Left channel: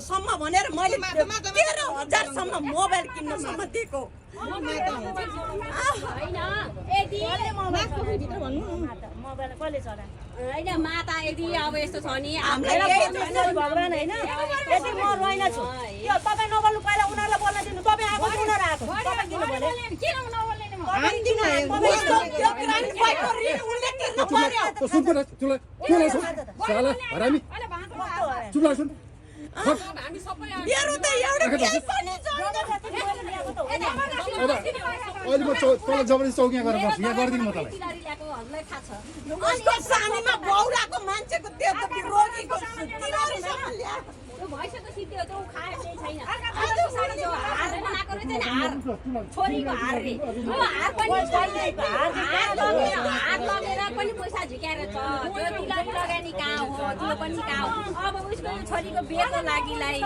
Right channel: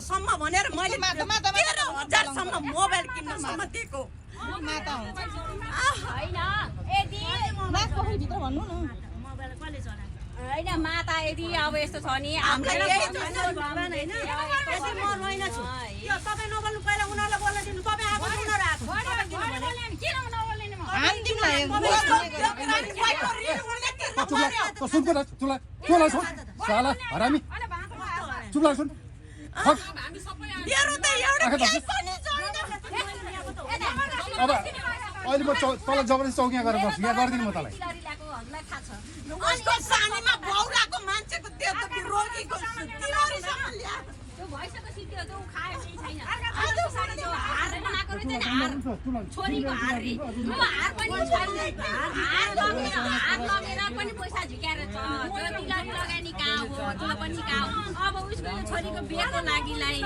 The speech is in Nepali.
सम्म भनेर मैले 13,000 सम्म मोबाइल किन्नसम्म दिएको मोबाइल कसले चला हैन माता यदि अब यस्तो छ नि हामीलाई भगवान हैन यदि म रोइन छु यो तपाई नबोल्नु पहिला उनीहरुलाई बोल्न दिनु तपाई आएको उनीहरु आएको तपाई किन भने किन नबोल्ने नि म हान्दिन साला हरामी चुप लाग सुन दिएर त एउटा केही पनि अब अहिले म तल जबरजस्ती चौकिया गरेर बस्छु यहाँ गर्दिन म तँलाई उसको सानीमा बौराको मान्छेको त्यो त रोगीको तिलहरीसम्म ल्या त्यो भइसक्यो सिद्धि त्यो खाए केही छैन आज सारी त्यो हार बनाएको रहेछ नि हार छोरीको हार रे त्यो हार पनि छैन हार लगेर पनि पैसा झिकाएर छ त्यो तिलहरी लगानी कहाँ हो त्यो पनि कहाँ हो अब उसको छोरीको बिहेको लागिलाई